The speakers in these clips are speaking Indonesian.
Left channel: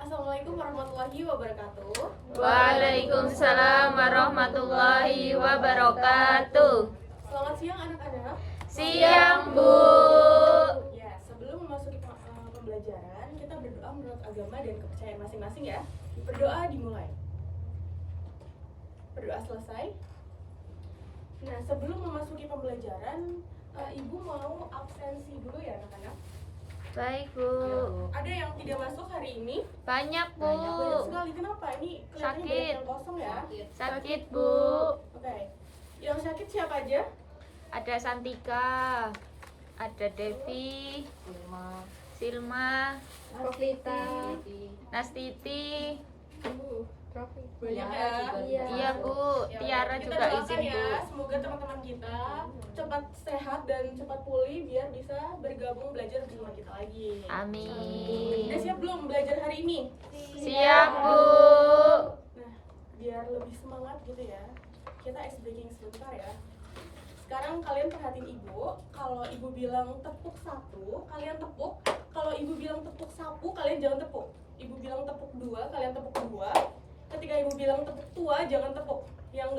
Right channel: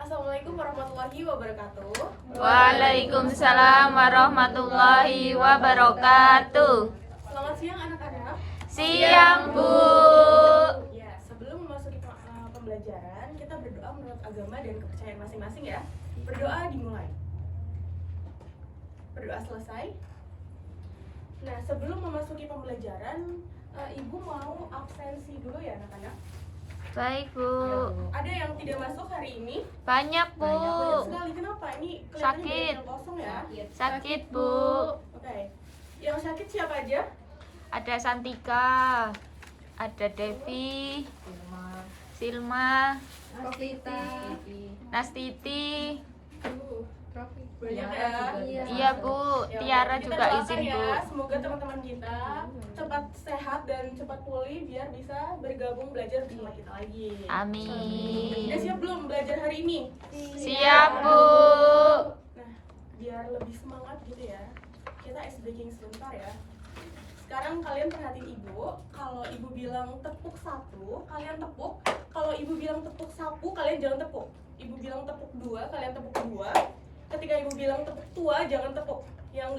Assalamualaikum warahmatullahi wabarakatuh. Waalaikumsalam warahmatullahi wabarakatuh. Selamat siang anak-anak. Siang, Bu. Ya, sebelum memasuki pembelajaran, kita berdoa menurut agama dan kepercayaan masing-masing ya. Berdoa dimulai. Berdoa selesai. Nah, sebelum memasuki pembelajaran, Ibu mau absensi dulu ya anak-anak. Baik, Bu. Ada yang tidak masuk hari ini? Banyak, Bu. Banyak sekali. Kenapa? Ini kelihatannya Sakit. banyak yang kosong ya. Sakit, Bu. Oke. Yang sakit siapa aja? Ada Santika, ada Devi, Silma, Nastiti. Banyak ya. Iya, Bu. Ya, Tiara kita juga doakan izin, ya, Bu. semoga teman-teman kita cepat sehat dan cepat pulih biar bisa bergabung belajar bersama kita lagi. Amin. Udah siap belum belajar hari ini? Siap, Bu. Nah, biar lebih semangat gitu ya, kita ice breaking sebentar ya. Sekarang kalian perhatiin Ibu. Kalau Ibu bilang tepuk satu, kalian tepuk. Kalau Ibu bilang tepuk sapu, kalian jangan tepuk. Ibu bilang tepuk dua, kalian tepuk dua. Ketika Ibu bilang tepuk tua, jangan tepuk. Yang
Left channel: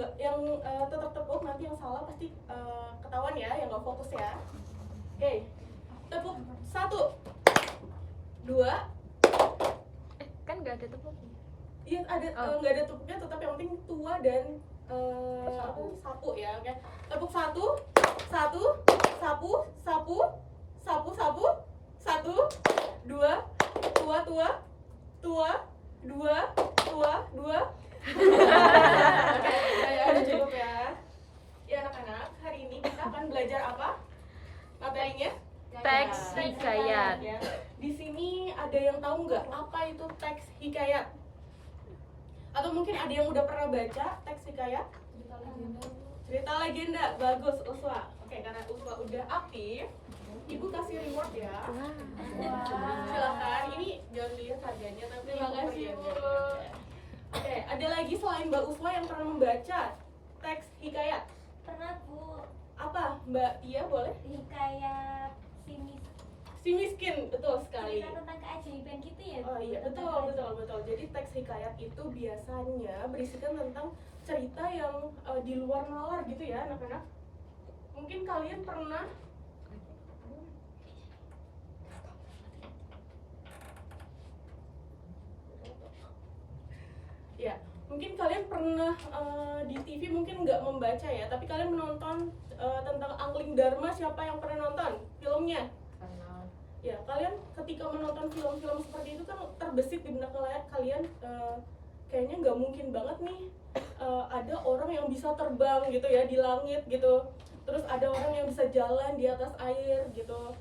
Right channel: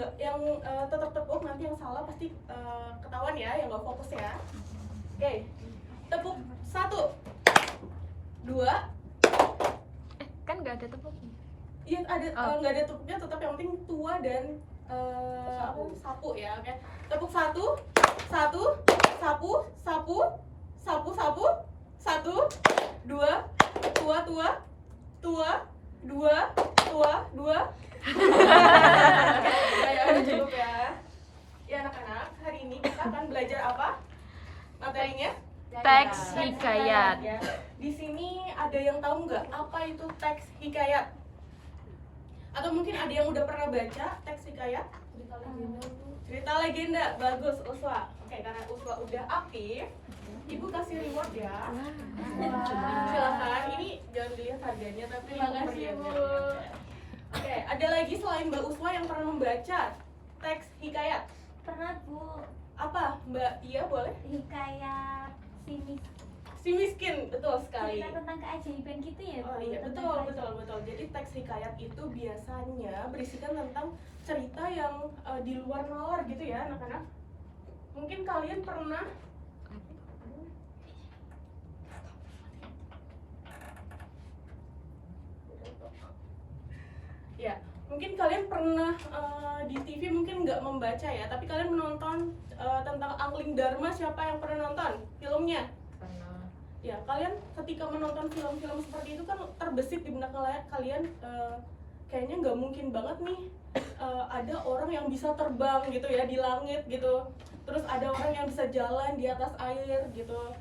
tetap tepuk, nanti yang salah pasti ketahuan ya, yang nggak fokus ya. Oke, tepuk satu, dua. Kan nggak ada tepuk. Iya ada, Oh. nggak ada tepuknya, tetap yang penting tua dan sapu ya. Oke, tepuk satu, sapu, satu, dua, tua, dua. Ya, udah cukup ya. Ya anak-anak, hari ini kita akan belajar apa? Materinya? Teks hikayat. Ya. Di sini ada yang tahu nggak apa itu teks hikayat? Atau mungkin ada yang udah pernah baca teks hikayat? Cerita legenda. Bagus, Uswa. Oke, karena Uswa udah aktif, Ibu kasih reward ya. Silakan. Ini jangan dilihat harganya, tapi Terima kasih, Bu. Oke, ada lagi selain Mbak Uswa yang pernah membaca teks hikayat? Pernah, Bu. Apa, Mbak Tia boleh? Hikayat Si miskin, betul sekali. cerita tentang keajaiban gitu ya, Bu? Oh iya, Tentang betul. Jadi teks hikayat itu biasanya berisikan tentang cerita yang di luar nalar gitu ya, anak-anak. Mungkin kalian pernah ya, mungkin kalian pernah di TV mungkin nggak membaca ya, tapi kalian menonton tentang Angling Dharma. Siapa yang pernah nonton filmnya? Ya, kalian ketika menonton film-film seperti itu kan terbesit di benak kalian, kayaknya nggak mungkin banget nih ada orang yang bisa terbang gitu ya di langit gitu, terus ada orang yang bisa jalan di atas air gitu,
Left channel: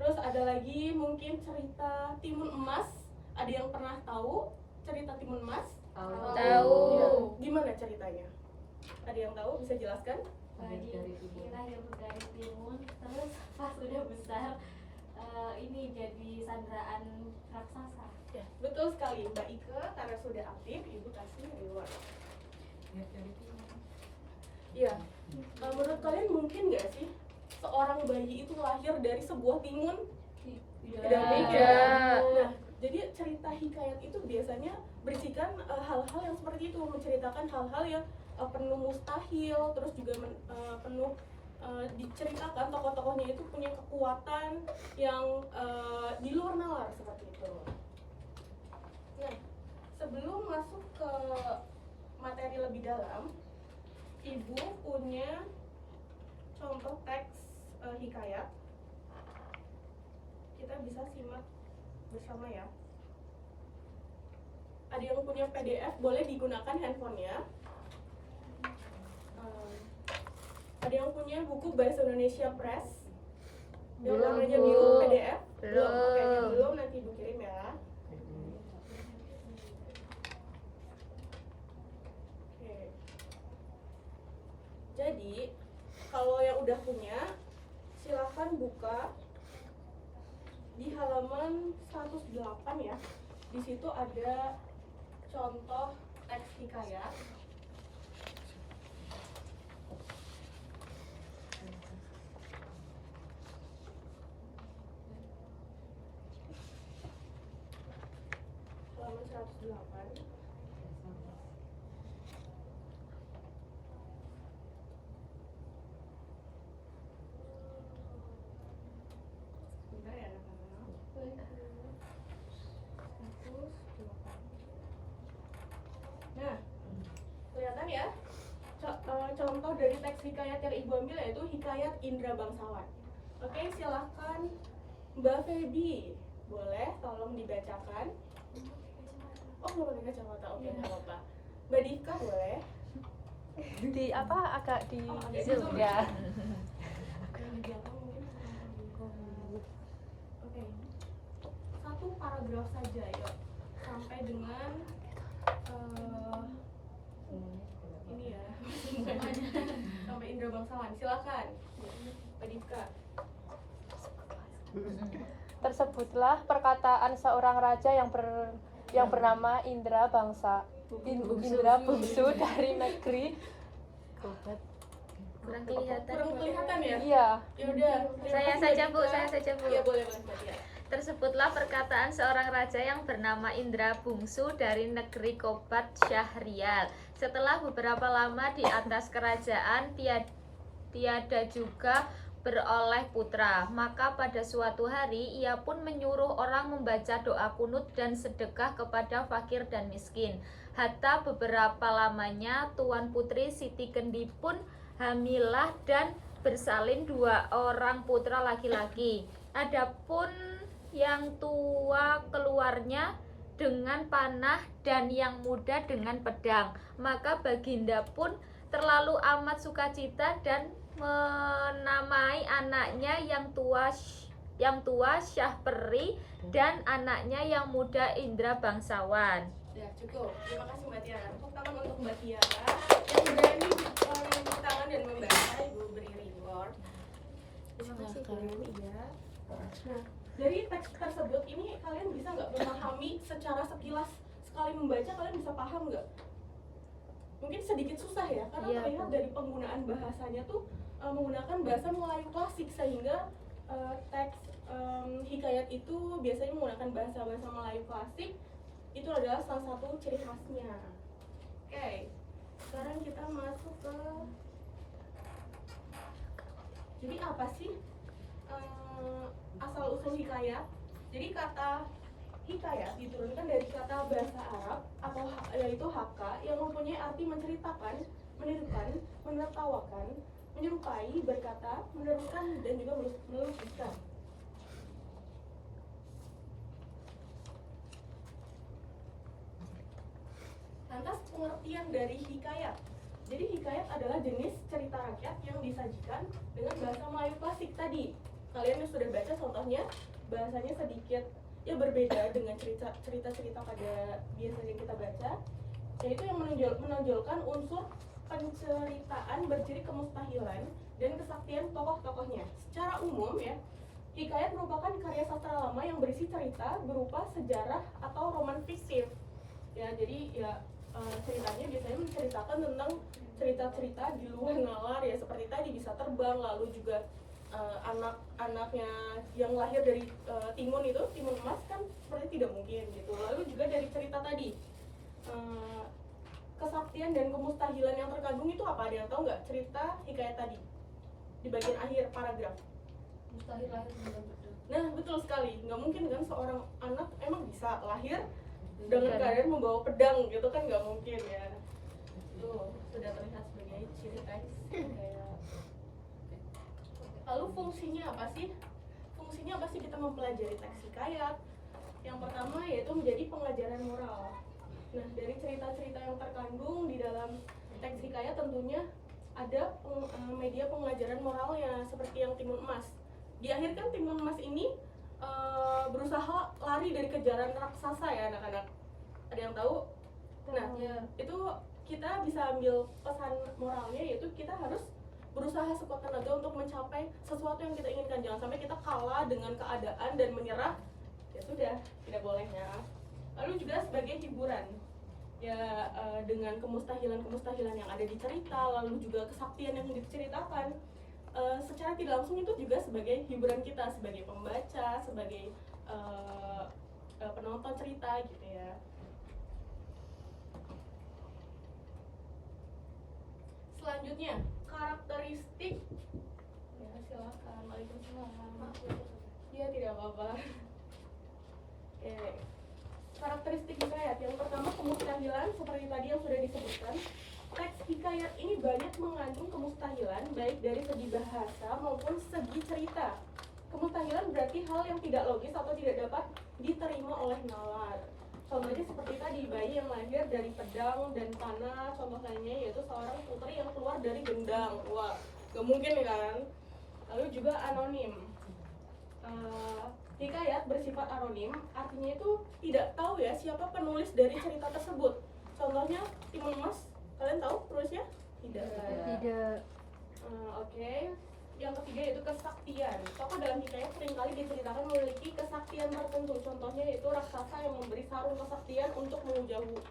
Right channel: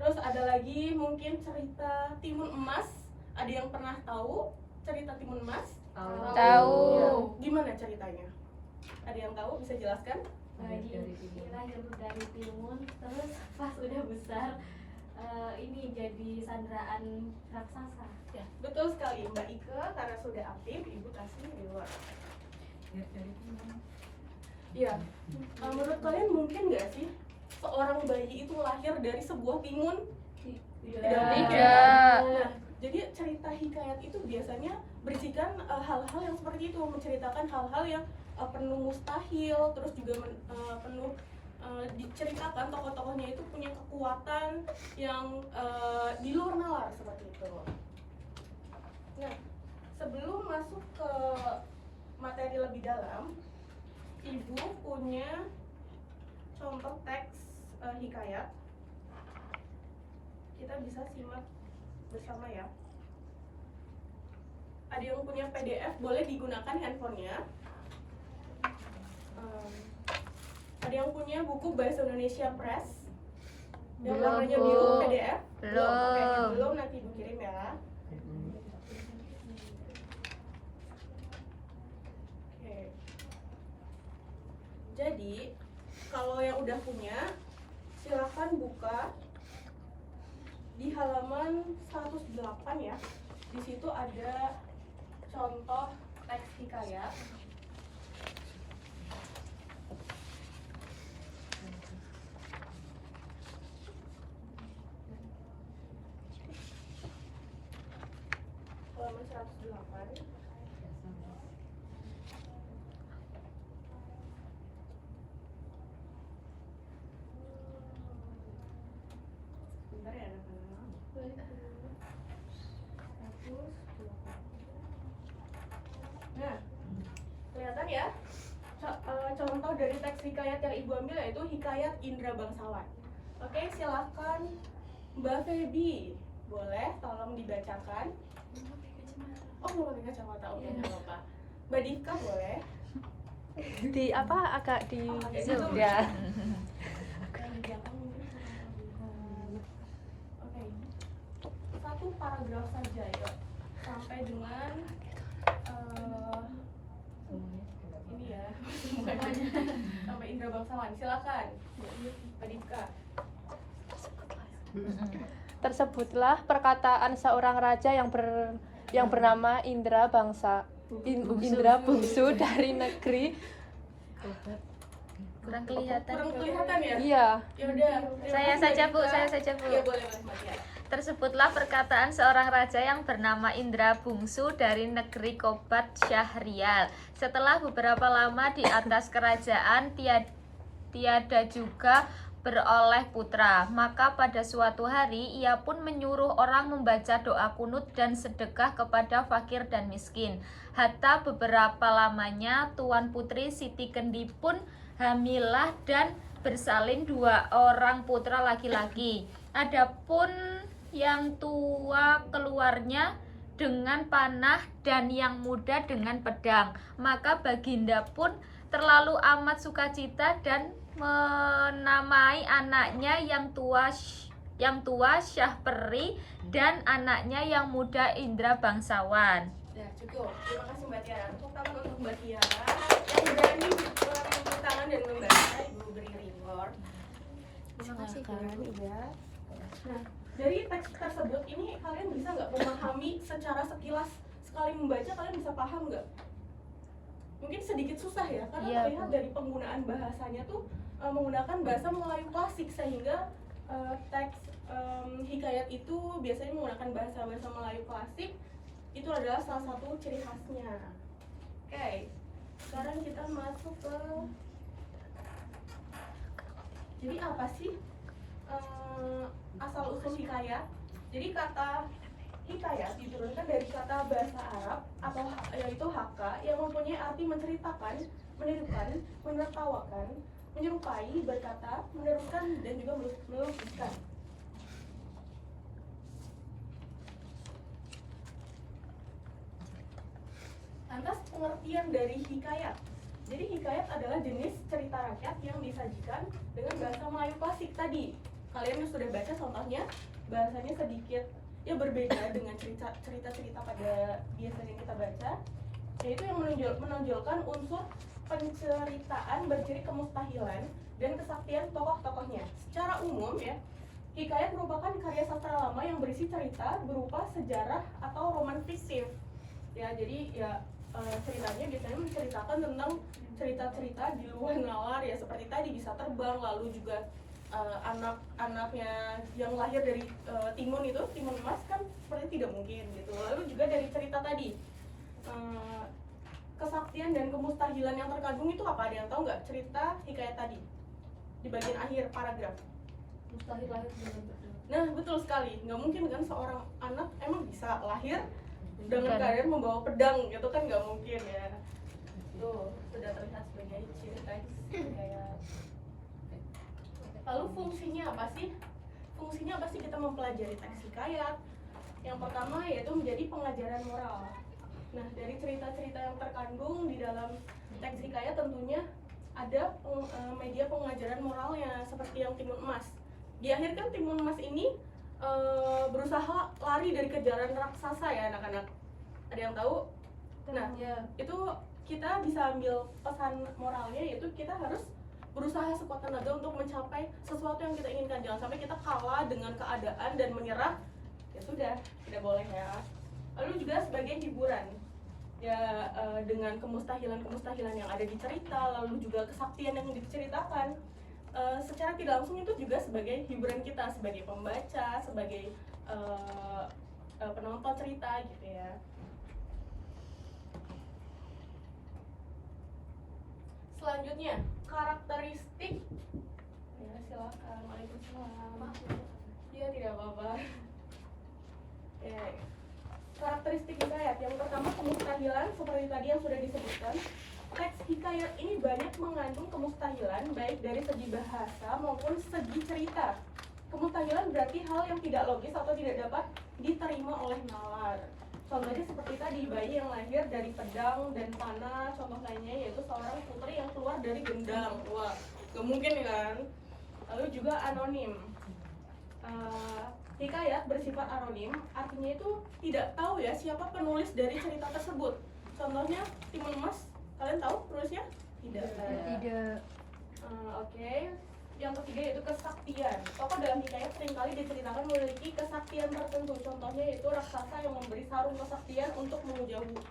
terus ada lagi mungkin cerita Timun Emas. Ada yang pernah tahu cerita Timun Emas? Tahu. Ya, gimana ceritanya? Ada yang tahu, bisa jelaskan? dia lahir dari timun, terus pas udah besar ini jadi sandraan raksasa. Ya, betul sekali Mbak Ike, karena sudah aktif, Ibu kasih reward. Ya, menurut kalian mungkin nggak sih seorang bayi itu lahir dari sebuah timun? Tidak. Nah, jadi cerita hikayat itu biasanya berisikan hal-hal yang seperti itu, menceritakan hal-hal yang penuh mustahil, terus juga penuh diceritakan tokoh-tokohnya itu punya kekuatan yang di luar nalar seperti itu. Nah, sebelum masuk ke materi lebih dalam, Ibu punya contoh teks hikayat. Kita bisa simak bersama ya. Ada yang punya PDF, boleh digunakan handphonenya. Ada yang punya buku Bahasa Indonesia Press yang Belum, namanya Bu. Biru PDF? Belum. Oke, belum, nanti dikirim ya. Oke. Jadi kalau yang udah punya, silahkan buka di halaman 108 ya. Di situ ada contoh teks hikayat. Halaman 108. Bentar ya anak-anak. 108. Nah, kelihatan ya contoh dari teks hikayat yang ibu ambil yaitu hikayat Indra Bangsawan. Oke, silakan Mbak Feby, boleh tolong dibacakan. Oh, belum pakai kacamata, oke, nggak apa-apa. Mbak Dika boleh. Di apa agak di Agak zoom di zoom. ya. Yang di belakang mungkin kurang terlihat. Oke, satu paragraf saja ya, sampai dengan ini ya, sampai Indra Bangsawan. Silakan, Mbak Dika. Tersebutlah perkataan seorang raja yang bernama Indra Indra bungsu dari negeri. Kurang kelihatan. Kurang kelihatan ya? Iya. Ya udah. Saya saja, Bu. Saya saja, Bu. Iya, boleh, Mas ya. Tersebutlah perkataan seorang raja yang bernama Indra Bungsu dari negeri Kobat Syahrial. Setelah beberapa lama di atas kerajaan, tiada juga beroleh putra. Maka pada suatu hari ia pun menyuruh orang membaca doa kunut dan sedekah kepada fakir dan miskin. Hatta beberapa lamanya Tuan Putri Siti Kendi pun hamilah dan bersalin 2 orang putra laki-laki. Adapun yang tua keluarnya dengan panah dan yang muda dengan pedang. Maka Baginda pun terlalu amat sukacita dan menamai anaknya yang tua Syahperi dan anaknya yang muda Indra Bangsawan. Ya, cukup. Terima kasih Mbak Tiara. Tepuk tangan untuk Mbak Tiara yang berani menepuk tangan dan membaca. Ibu beri reward. Terima kasih, Bu. Iya. Nah, dari teks tersebut ini kalian bisa nggak memahami secara sekilas, sekali membaca kalian bisa paham nggak? Mungkin sedikit susah ya, karena Iya, terlihat Bu. dari penggunaan bahasanya tuh menggunakan bahasa Melayu klasik, sehingga teks hikayat itu biasanya menggunakan bahasa Melayu klasik. Itu adalah salah satu ciri khasnya. Oke, sekarang kita masuk ke, jadi apa sih asal usul hikayat? Jadi kata hikayat diturunkan dari kata bahasa Arab atau yaitu haka yang mempunyai arti menceritakan, menirukan, menertawakan, menyerupai, berkata, menerukan, dan juga melukiskan. Lantas pengertian dari hikayat. Jadi hikayat adalah jenis cerita rakyat yang disajikan dengan bahasa Melayu klasik tadi. Kalian yang sudah baca contohnya, bahasanya sedikit ya berbeda dengan cerita-cerita pada biasanya kita baca, yaitu yang menonjolkan unsur penceritaan berciri kemustahilan dan kesaktian tokoh-tokohnya. Secara umum ya, hikayat merupakan karya sastra lama yang berisi cerita berupa sejarah atau roman fiktif. Ya, jadi ya ceritanya biasanya menceritakan tentang cerita-cerita di luar nalar ya, seperti tadi bisa terbang, lalu juga anak-anaknya yang lahir dari timun emas kan seperti tidak mungkin gitu. Lalu juga dari cerita tadi kesaktian dan kemustahilan yang terkandung itu apa? Ada yang tahu nggak cerita hikayat tadi di bagian akhir paragraf? Mustahil lahir dengan pedang. Nah, betul sekali. Nggak mungkin kan seorang anak emang bisa lahir dengan keadaan membawa pedang, gitu kan nggak mungkin ya. Tuh, sudah terlihat sebagai ciri teks hikayat. Lalu fungsinya apa sih? Fungsinya apa sih kita mempelajari teks hikayat? Yang pertama yaitu menjadi pengajaran moral. Nah, dari cerita-cerita yang terkandung di dalam teks hikayat tentunya ada media pengajaran moralnya seperti yang timun emas. Di akhir kan timun emas ini berusaha lari dari kejaran raksasa ya anak-anak. Ada yang tahu? Nah, Ya. itu kita bisa ambil pesan moralnya, yaitu kita harus berusaha sekuat tenaga untuk mencapai sesuatu yang kita inginkan. Jangan sampai kita kalah dengan keadaan dan menyerah. Ya sudah, tidak boleh ya. Lalu juga sebagai hiburan ya, dengan kemustahilan yang ada di cerita, lalu juga kesaktian yang diceritakan, secara tidak langsung itu juga sebagai hiburan kita sebagai pembaca, sebagai penonton cerita gitu ya. Selanjutnya, karakteristik. Ya, silakan. Waalaikumsalam. Dia tidak apa-apa. Oke. Karakteristik hikayat yang pertama, kemustahilan seperti tadi yang sudah disebutkan. Teks hikayat ini banyak mengandung kemustahilan baik dari segi bahasa maupun segi cerita. Kemustahilan berarti hal yang tidak logis atau tidak dapat diterima oleh nalar. Contohnya seperti tadi, bayi yang lahir dari pedang dan panah. Contoh lainnya yaitu seorang putri yang keluar dari gendang. Wah, gak mungkin kan? Lalu juga anonim. Hikayat bersifat anonim, artinya itu tidak tahu ya siapa penulis dari cerita tersebut. Contohnya Timun Emas, kalian tahu penulisnya? Tidak. Oke. Yang ketiga yaitu kesaktian. Tokoh dalam hikayat seringkali diceritakan memiliki kesaktian tertentu. Contohnya yaitu raksasa yang memberi sarung kesaktian untuk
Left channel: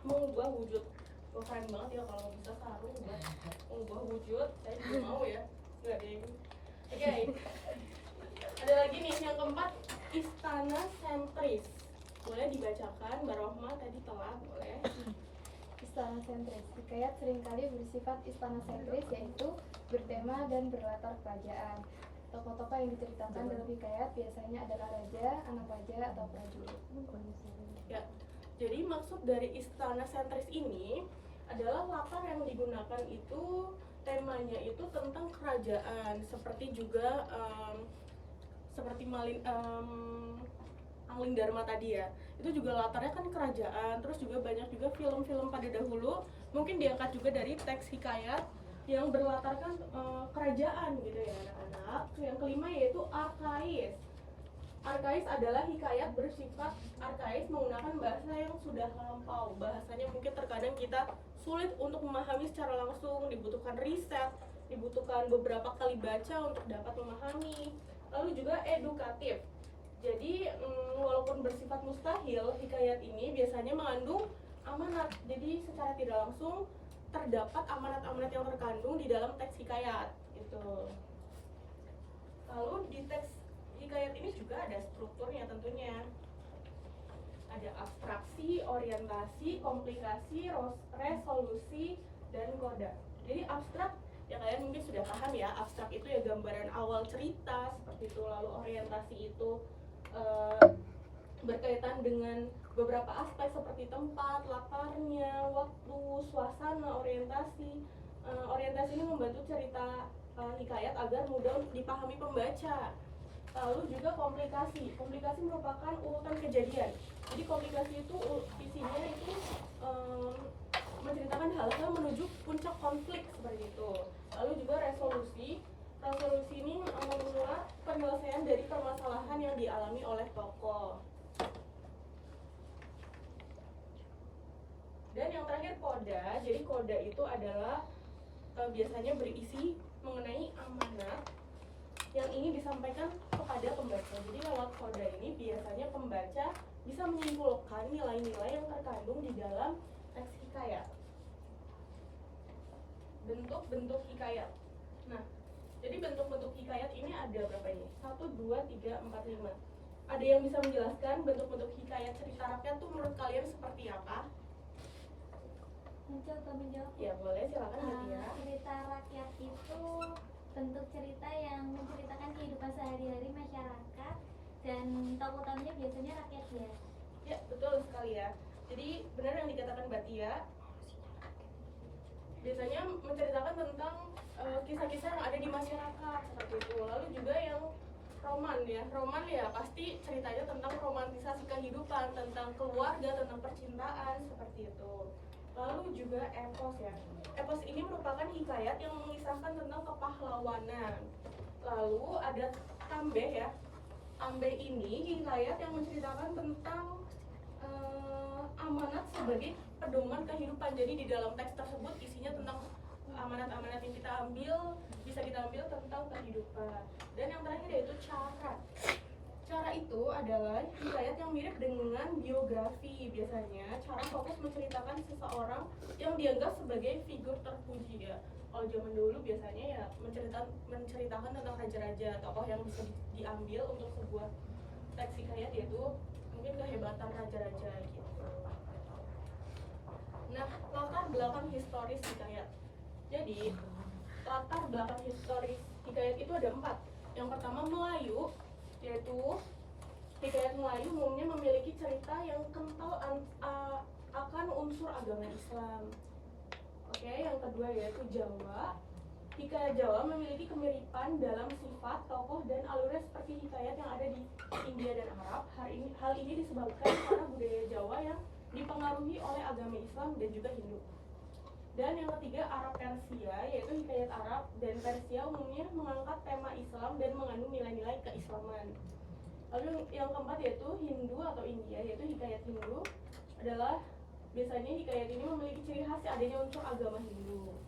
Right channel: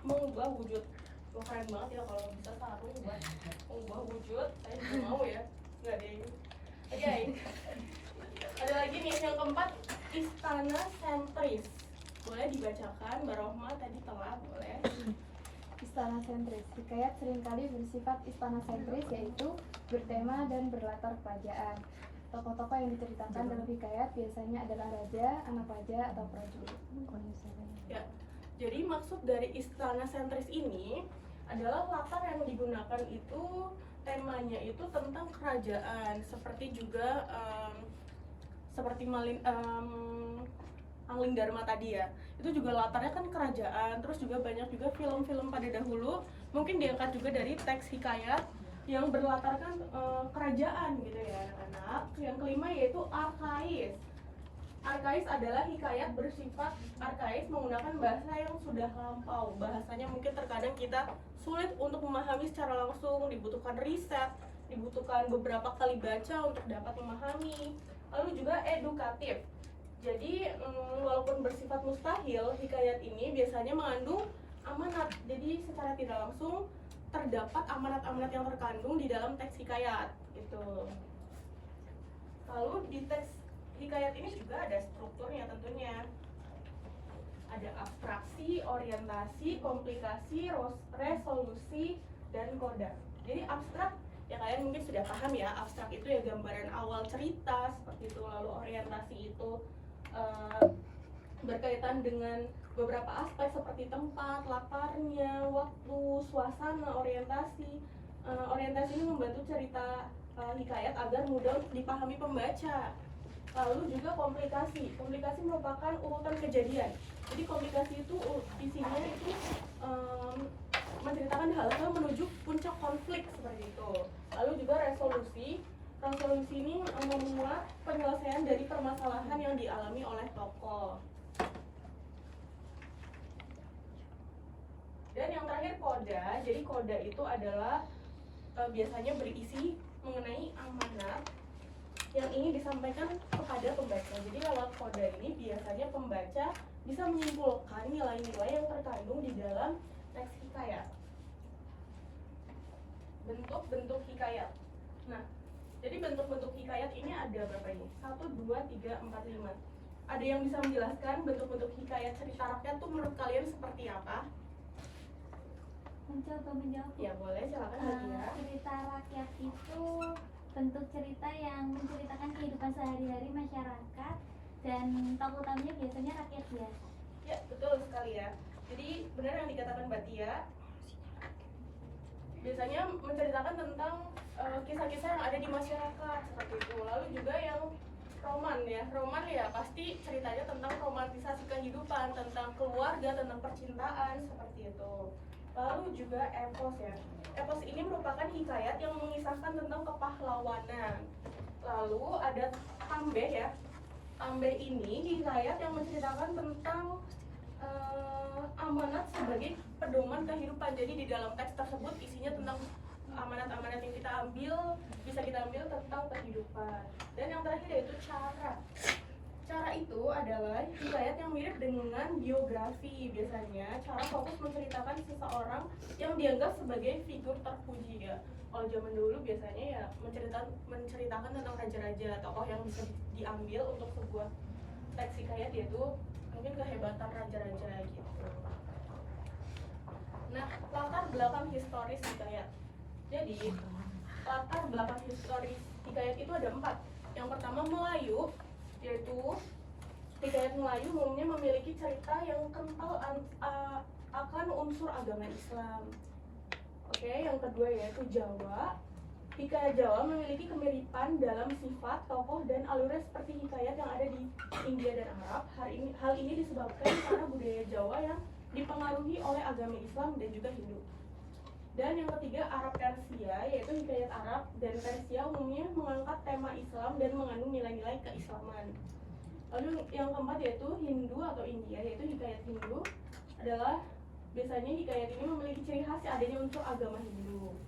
mengubah wujud. Wah, keren banget ya kalau bisa sarung buat mengubah wujud. Saya juga mau ya. Nggak deh. Oke. Ada lagi nih yang keempat, istana sentris. Boleh dibacakan, Mbak Rohma tadi telah, boleh. Istana sentris. Hikayat seringkali bersifat istana sentris, yaitu bertema dan berlatar kerajaan. Tokoh-tokoh yang diceritakan dalam hikayat biasanya adalah raja, anak raja, atau prajurit. Ya, jadi maksud dari istana sentris ini adalah latar yang digunakan itu temanya itu tentang kerajaan, seperti juga seperti Angling Dharma tadi ya. Itu juga latarnya kan kerajaan, terus juga banyak juga film-film pada dahulu mungkin diangkat juga dari teks hikayat yang berlatarkan kerajaan gitu ya anak-anak. Yang kelima yaitu arkais. Arkais adalah hikayat bersifat arkais menggunakan bahasa yang sudah lampau. Bahasanya mungkin terkadang kita sulit untuk memahami secara langsung, dibutuhkan riset, dibutuhkan beberapa kali baca untuk dapat memahami. Lalu juga edukatif. Jadi walaupun bersifat mustahil, hikayat ini biasanya mengandung amanat. Jadi secara tidak langsung terdapat amanat-amanat yang terkandung di dalam teks hikayat gitu. Lalu di teks hikayat ini juga ada strukturnya tentunya. Ada abstraksi, orientasi, komplikasi, resolusi, dan koda. Jadi abstrak ya kalian mungkin sudah paham ya, abstrak itu ya gambaran awal cerita seperti itu. Lalu orientasi itu berkaitan dengan beberapa aspek seperti tempat, latarnya, waktu, suasana, orientasi. Orientasi ini membantu cerita hikayat agar mudah dipahami pembaca. Lalu juga komplikasi. Komplikasi merupakan urutan kejadian. Jadi komplikasi itu isinya itu menceritakan hal-hal menuju puncak konflik seperti itu. Lalu juga resolusi. Resolusi ini memuat penyelesaian dari permasalahan yang dialami oleh tokoh. Dan yang terakhir koda. Jadi koda itu adalah biasanya berisi mengenai amanat yang ingin disampaikan kepada pembaca. Jadi lewat koda ini biasanya pembaca bisa menyimpulkan nilai-nilai yang terkandung di dalam teks hikayat. Bentuk-bentuk hikayat. Nah, jadi bentuk-bentuk hikayat ini ada berapa ini? 1, 2, 3, 4, 5. Ada yang bisa menjelaskan bentuk-bentuk hikayat cerita rakyat tuh menurut kalian seperti apa? Mencoba menjawab. Ya boleh, silakan Mbak Tia. Cerita rakyat itu bentuk cerita yang menceritakan kehidupan sehari-hari masyarakat, dan tokoh utamanya biasanya rakyat biasa. Ya, betul sekali ya. Jadi benar yang dikatakan Mbak Tia. Biasanya menceritakan tentang kisah-kisah yang ada di masyarakat seperti itu. Lalu juga yang roman ya. Roman ya pasti ceritanya tentang romantisasi kehidupan, tentang keluarga, tentang percintaan seperti itu. Lalu juga epos ya. Epos ini merupakan hikayat yang mengisahkan tentang kepahlawanan. Lalu ada tambeh ya. Tambeh ini hikayat yang menceritakan tentang amanat sebagai pedoman kehidupan. Jadi di dalam teks tersebut isinya tentang amanat-amanat yang kita ambil, bisa kita ambil tentang kehidupan. Dan yang terakhir yaitu cara. Cara itu adalah hikayat yang mirip dengan biografi. Biasanya cara fokus menceritakan seseorang yang dianggap sebagai figur terpuji ya. Kalau zaman dulu biasanya ya menceritakan tentang raja-raja, tokoh yang bisa diambil untuk sebuah teks hikayat, yaitu mungkin kehebatan raja-raja gitu. Nah, latar belakang historis hikayat. Jadi latar belakang historis hikayat itu ada 4. Yang pertama Melayu, yaitu hikayat Melayu umumnya memiliki cerita yang kental akan unsur agama Islam. Oke, yang kedua yaitu Jawa. Hikayat Jawa memiliki kemiripan dalam sifat, tokoh, dan alurnya seperti hikayat yang ada di India dan Arab. Hal ini disebabkan karena budaya Jawa yang dipengaruhi oleh agama Islam dan juga Hindu. Dan yang ketiga Arab Persia, yaitu hikayat Arab dan Persia umumnya mengangkat tema Islam dan mengandung nilai-nilai keislaman. Lalu yang keempat yaitu Hindu atau India, yaitu hikayat Hindu adalah biasanya hikayat ini memiliki ciri khas adanya unsur agama Hindu.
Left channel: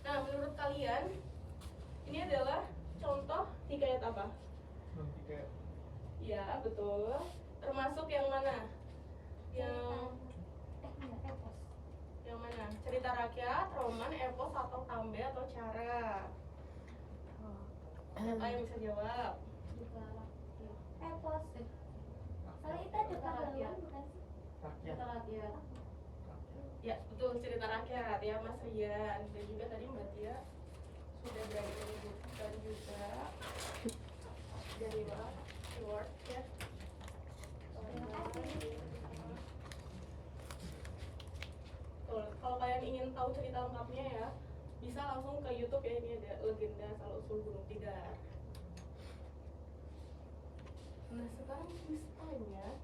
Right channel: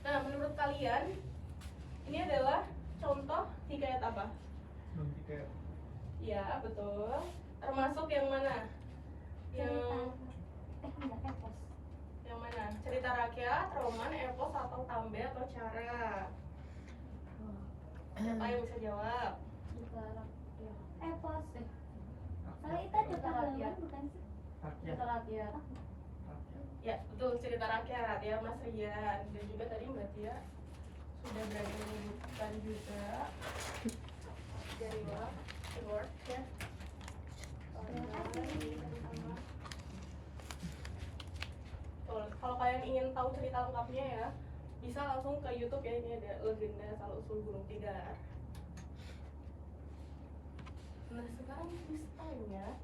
Nah, menurut kalian ini adalah contoh hikayat apa? Hikayat. Ya, betul. Termasuk yang mana? Yang epos. yang mana? Cerita rakyat, roman, epos, atau tambe atau cara? Siapa yang bisa jawab? Epos. Soalnya itu ada pahlawan bukan sih? Rakyat. Rakyat. Ya, betul, cerita rakyat ya Mas Rian. Dan juga tadi Mbak Tia sudah berani menyebutkan juga dari word ya. Betul. Kalau kalian ingin tahu cerita lengkapnya ya, bisa langsung ke YouTube ya, ini ada legenda asal-usul Gunung Tidar. Nah, sekarang listanya.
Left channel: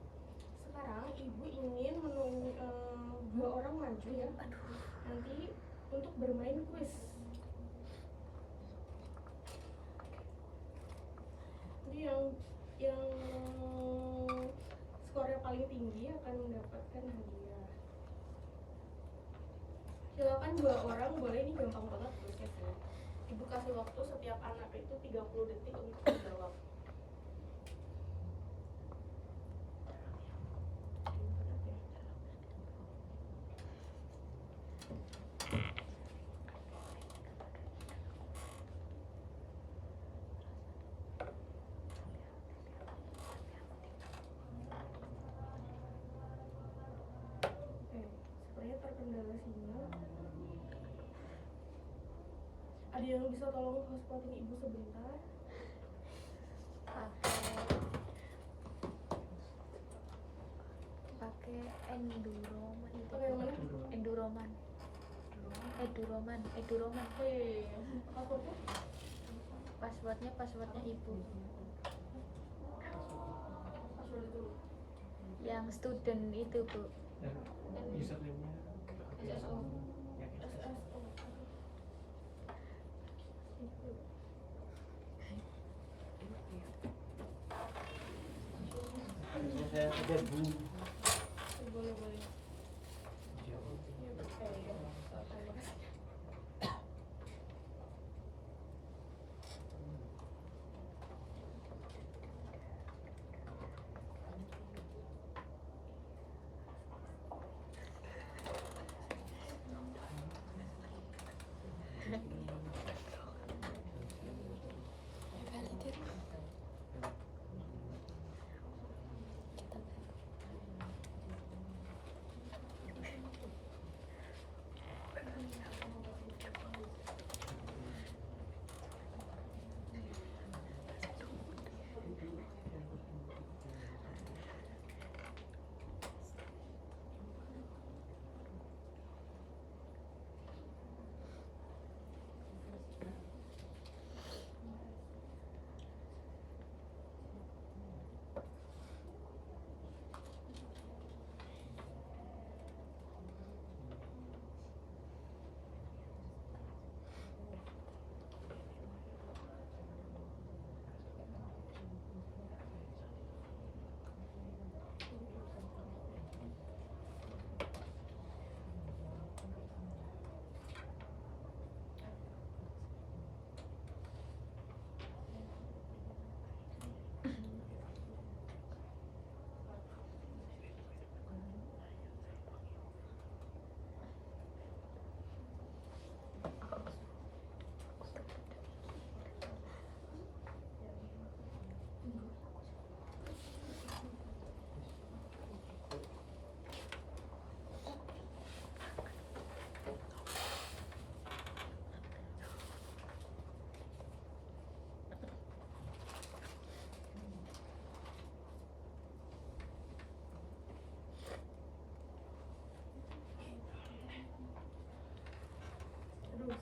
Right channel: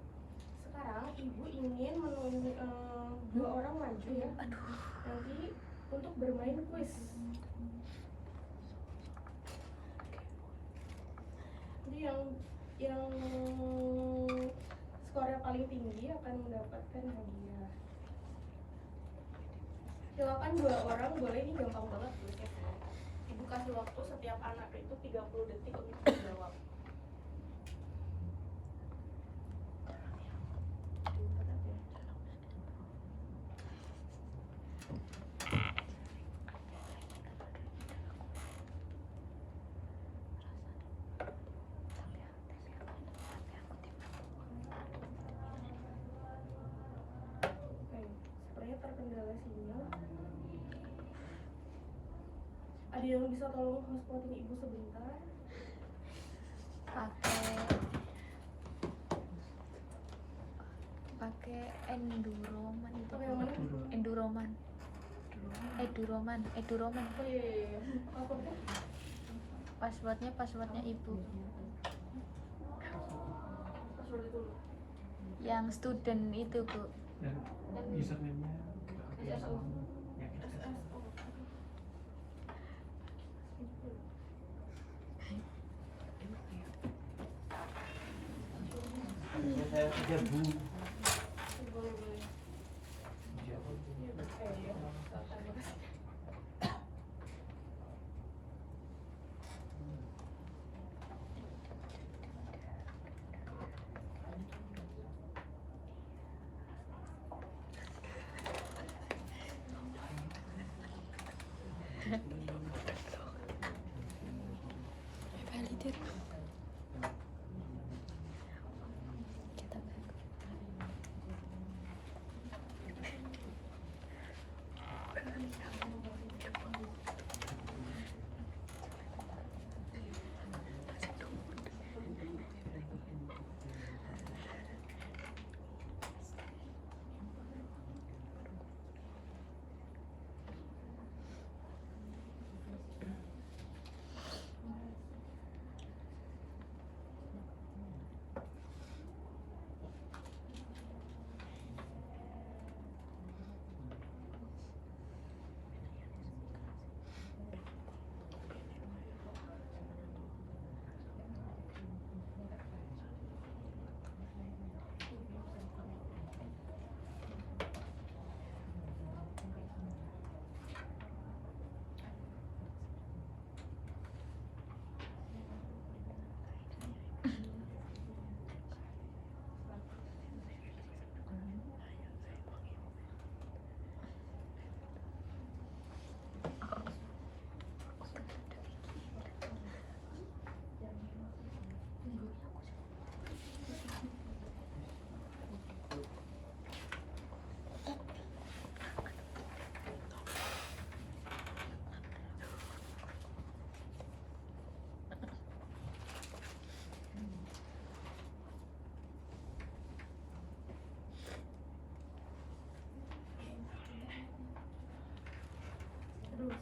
Sekarang ibu ingin dua orang maju ya. Nanti untuk bermain kuis. Jadi yang skornya paling tinggi akan mendapatkan hadiah. Silakan dua orang, boleh, ini gampang banget kuisnya. Ibu kasih waktu setiap anak itu 30 detik untuk menjawab. Sepertinya terkendala sinyal. Ada yang bisa tolong hotspotin ibu sebentar? Pakai Enduroman itu. Pakai yang mana? Enduroman. Eduroman. Oh iya. Passwordnya? Passwordnya ibu. Password dulu. Yang student itu, Bu. Dan username-nya SSO. yang SSO. saya kerja Bu. Boleh. Iya.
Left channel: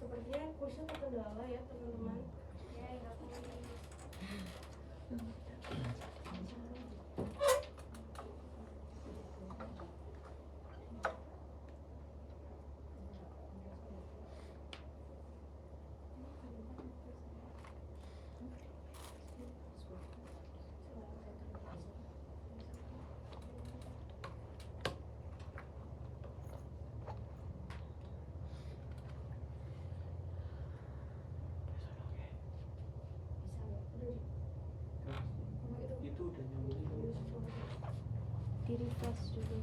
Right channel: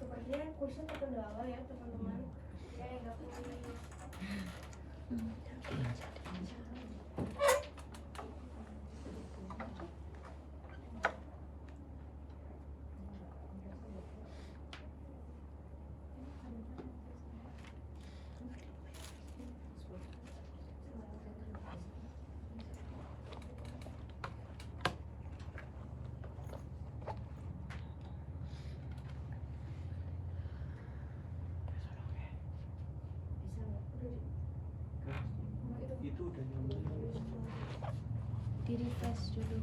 sepertinya kursnya terkendala ya teman-teman. Ya, nggak tahu. Itu udah nyambung. Di refresh dulu.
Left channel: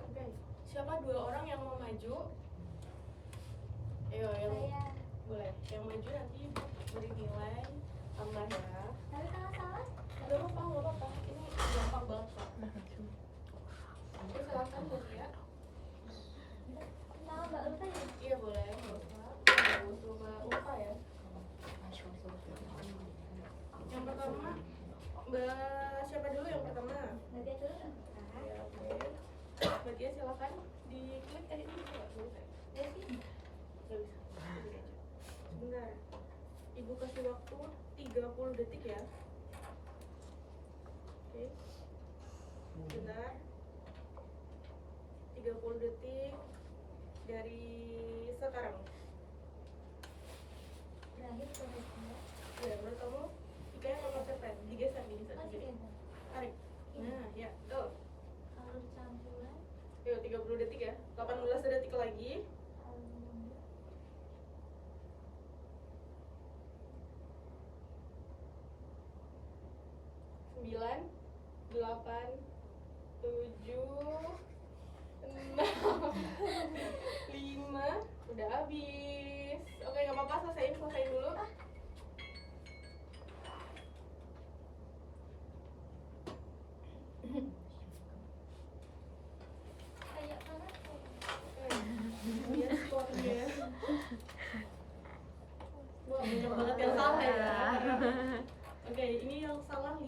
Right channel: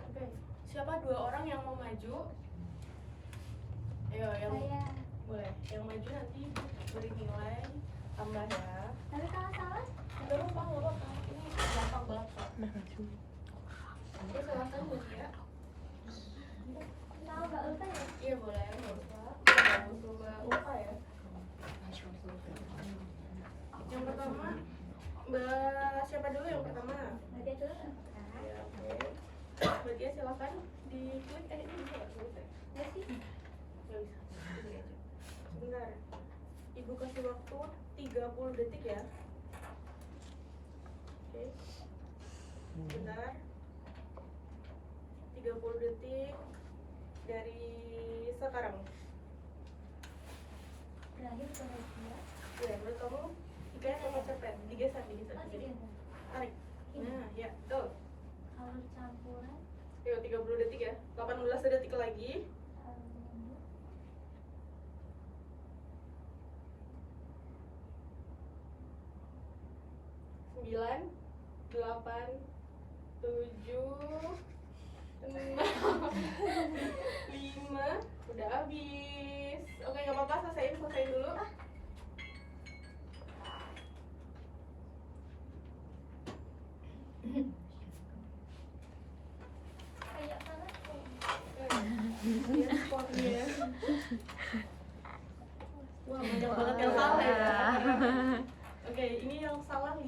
Oke, siapa dua orang yang mau maju? Ayo, yang boleh. Yang maju nanti beri nilai tambah ya. Tapi kalau salah, Nggak apa-apa. Ini gampang banget kok. Oke, silakan Bu Tia. tahu nggak lupa ya? Iya boleh, nggak usah. Nggak usah lupa ya. Yang pertama, Mbak siapa dulu yang pertama? Nanti itu Ya, oke. Mbak Tia silakan diklik ini bisa nggak? Bisa. ya sih. Nggak bisa. Ini aja. Sebentar. Ibu kasih waktu 30 detik ya. Oke. Sebentar. 30 detik dari sekarang. Berakhir sampai dia. Ya, menurut kamu kayak mau cepet, digeser Masih gini. ada. Tarik. Nah, ya, tuh. Kalau campuran, Yuk, 30 detik ya. 18 detik lagi. Sembilan, 8, 7, 6, 5. Udah habis. Oke, nggak apa-apa, selesaiin dulu. kayak mana? Lihat skornya. Wah, banyak banget yang salah ya. Oke, ini yang salah 5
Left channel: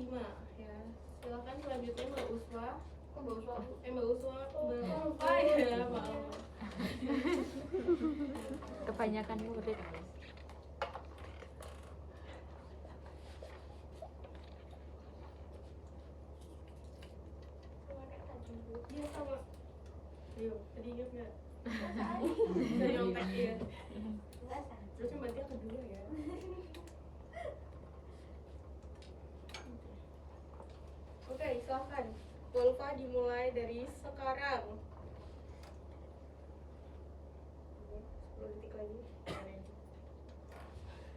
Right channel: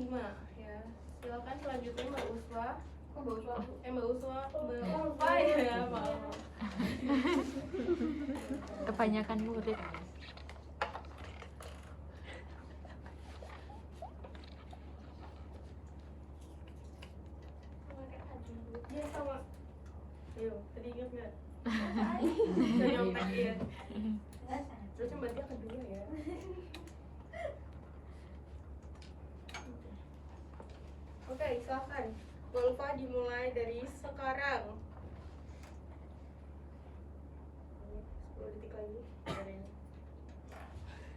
ya. Silakan selanjutnya Mbak Uswa. Kok Mbak Uswa? Mbak Uswa, Mbak Uswa ya, maaf. Kebanyakan murid. Iya sama. Ayo, tadi ingat nggak? Saya nyontek ya. Terus Mbak Tia kedua ya. Oke, silakan. Golfa dimulai dari sekarang. 10 detik lagi.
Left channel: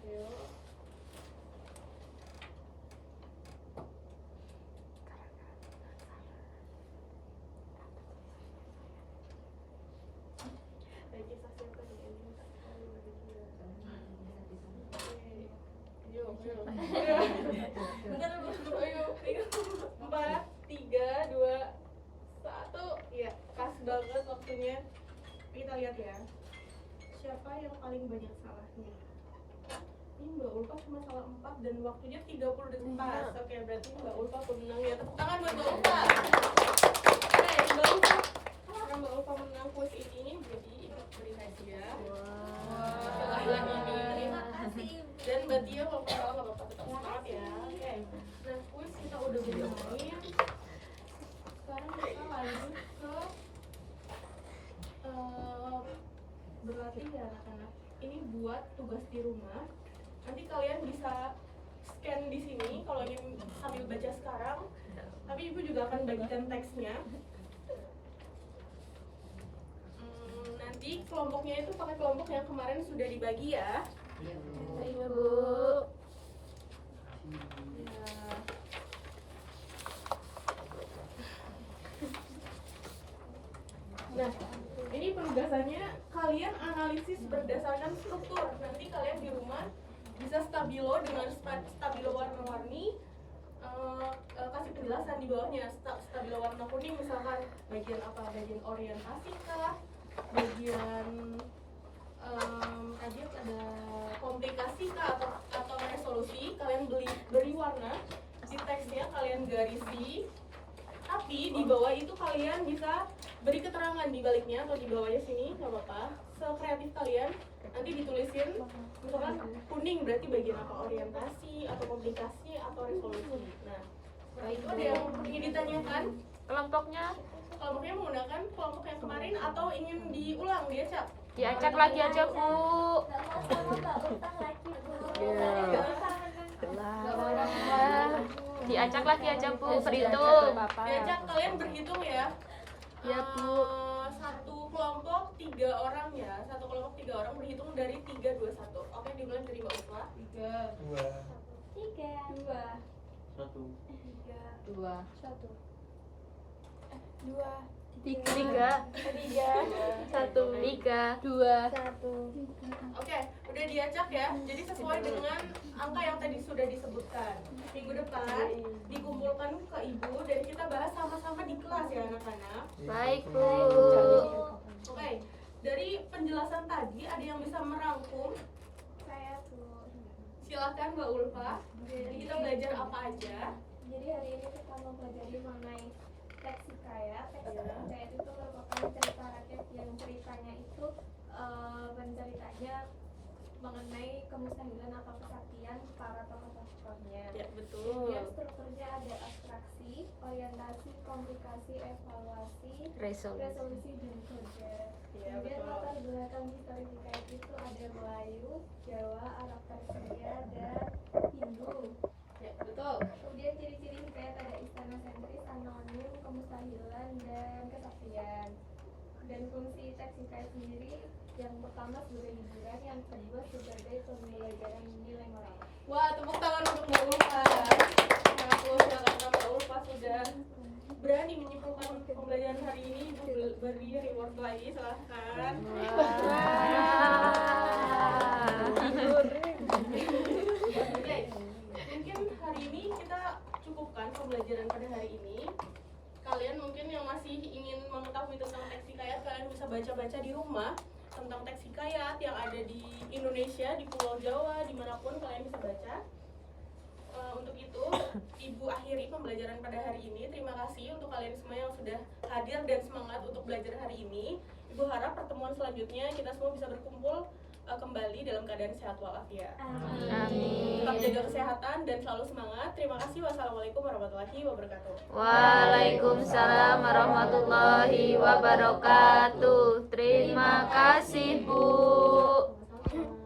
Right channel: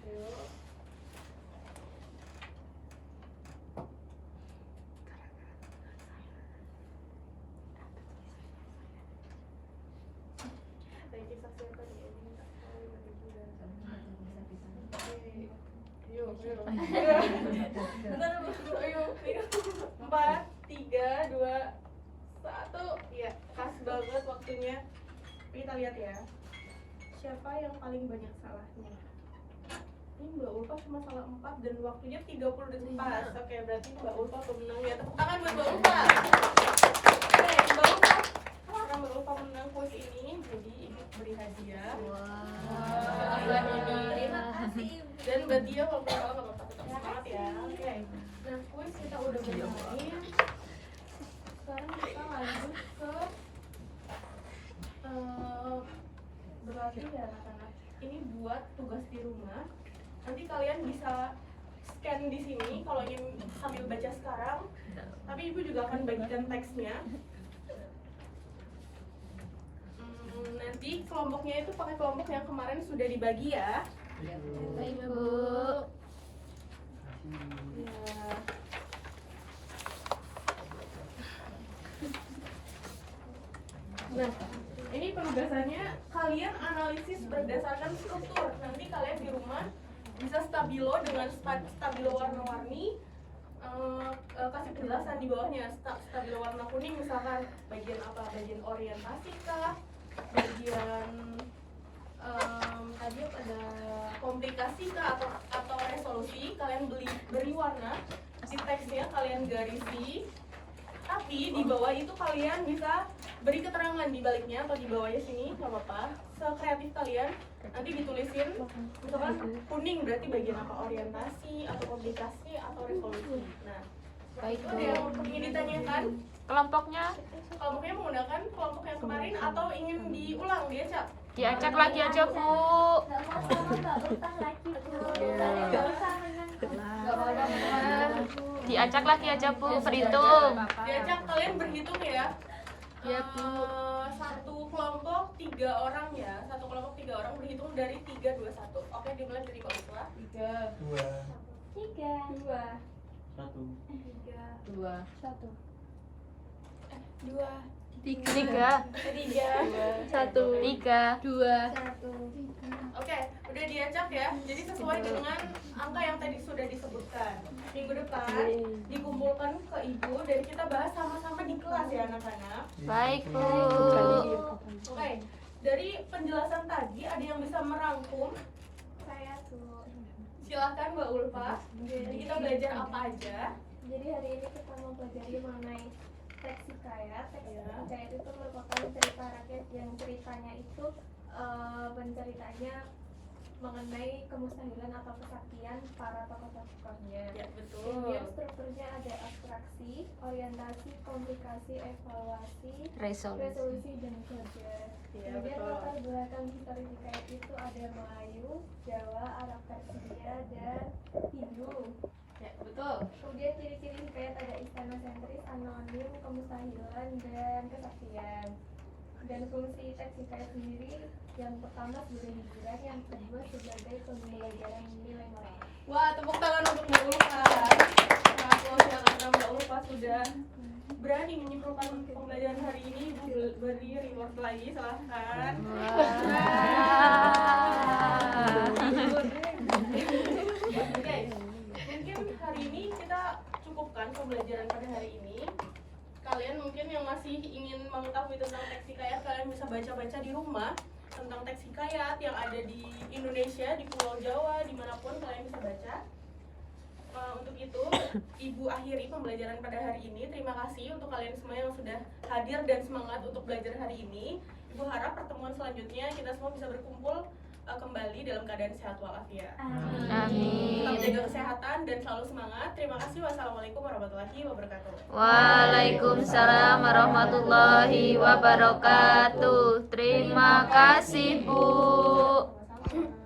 Ayo. Baik, kita siapkan ya. Minta sekali lagi juga. Oke. Ayo, ayo. Bentar, ayo. 4, 3, 2, 1. Ya, pas banget waktunya. Kita lihat ya. Siapa yang paling banyak salahnya? Ini Mbak Ulfa cuma salah 4 dan waktunya 30 detik pas. Oke, berarti Mbak Ulfa pemenang ya. Tepuk tangan buat Mbak Ulfa. Oke, Mbak Ulfa. Karena Mbak Ulfa menang kuis ini, jadi Ibu beri hadiah. Bulan ini. Terima kasih. Dan Mbak Tia kalau nggak apa-apa tetap semangat ya. Oke. Nah, kuis kita udah bermain. Sekarang kita lanjut ke berlatih ya anak-anak. Ini buat tugas di rumah. Nanti kalian bisa scan di sini kalau ingin sambil baca sekarang. Tapi Ibu juga akan bagikan teksnya. Nanti kelompoknya itu pakai kelompok yang kemarin sudah dibagi ya. Baik, Bu. Ya. Nah, ini penugasannya kalian analisis berdasarkan struktur. Nanti kalian di rumah bisa stabilo dengan stabilo warna-warni. Kasih penjelasan di bawahnya. Stabilo warna kuning misalkan bagian apa? Bagian orientasi kah? Bagian Tadi ada komplikasi kah atau resolusi, kalian beri warna di teksnya, kalian garisi, tapi di bawah itu kalian bisa beri keterangan di baliknya atau di bawahnya sini, nggak apa-apa, sekreatif kalian. Nanti ditulisin, misalkan kuning berarti bagian apa, orientasi atau komplikasi atau resolusi. Nah, Baik, itu Bu. ada yang ingin ditanyakan. Kelompoknya Kelompoknya menggunakan kelompok yang kemarin atau ingin diulang, diacak? diacak lagi aja, Bu. Diacak lagi aja, Bu. Berhitung. Diajak kalian berhitung ya. Ya, Bu. Satu kelompok 3 orang ya. Satu kelompok 3 orang berhitung dari 3, 2, 1. Oke, dimulai dari Mbak Uswa. 2 2 1 Dua. 1 Tiga. 1 Tiga. 2 1 Oke, udah diacak ya. Jadi sesuai dengan angka yang tadi sudah disebutkan. Minggu depan dikumpulkan ke ibu dan kita bahas sama-sama di kelas ya anak-anak. Baik, Bu. Oke, dari penjelasan tadi ada yang bisa merangkum? saya tuh. Silakan Mbak Ulfa. Jadi kita belajar apa aja? Jadi hari ini kita mau pelajari mengenai teks hikayat. Teks Ya. hikayat itu merupakan cerita rakyat yang ceritanya itu penceritanya mengenai kemustahilan atau kesaktian para tokoh-tokohnya. Ya, Kemudian betul. strukturnya ada abstraksi, orientasi, komplikasi, evaluasi, Resolusi. resolusi, dan kerja. Ya, Kemudian betul. latar belakang histori hikayat itu ada Melayu, Jawa, Arab Persia, dan Hindu. Ya, betul. Kemudian ciri-ciri hikayat ada istana sentris, anonim, kemustahilan, dan kesaktian. Dan fungsi teks hikayat sendiri yang pertama sebagai hiburan, yang kedua sebagai pembelajaran nilai moral. Wah, tepuk tangan untuk Mbak Ulfa. Sangat luar biasa karena Mbak Ulfa sudah berani menyimpulkan pembelajaran hari ini. Ibu beri reward lagi, silahkan. Wah. Oke, mungkin hari ini kita cukupkan pembelajaran pada hari ini. Kalian mungkin yang masih ingin mengetahui tentang teks hikayat, kalian bisa baca-baca di rumah tentang teks hikayat yang ada di Indonesia, di Pulau Jawa, dimanapun kalian bisa baca. Untuk itu, Ibu akhiri pembelajaran pada hari ini. Terima kasih untuk kalian semua yang sudah hadir dan semangat untuk belajar hari ini. Ibu harap pertemuan selanjutnya kita semua bisa berkumpul kembali dalam keadaan sehat walafiat. Tetap Amin. jaga kesehatan dan selalu semangat. Terima kasih. Wassalamualaikum warahmatullahi wabarakatuh. Waalaikumsalam warahmatullahi wabarakatuh. Terima kasih, Bu. Sama-sama.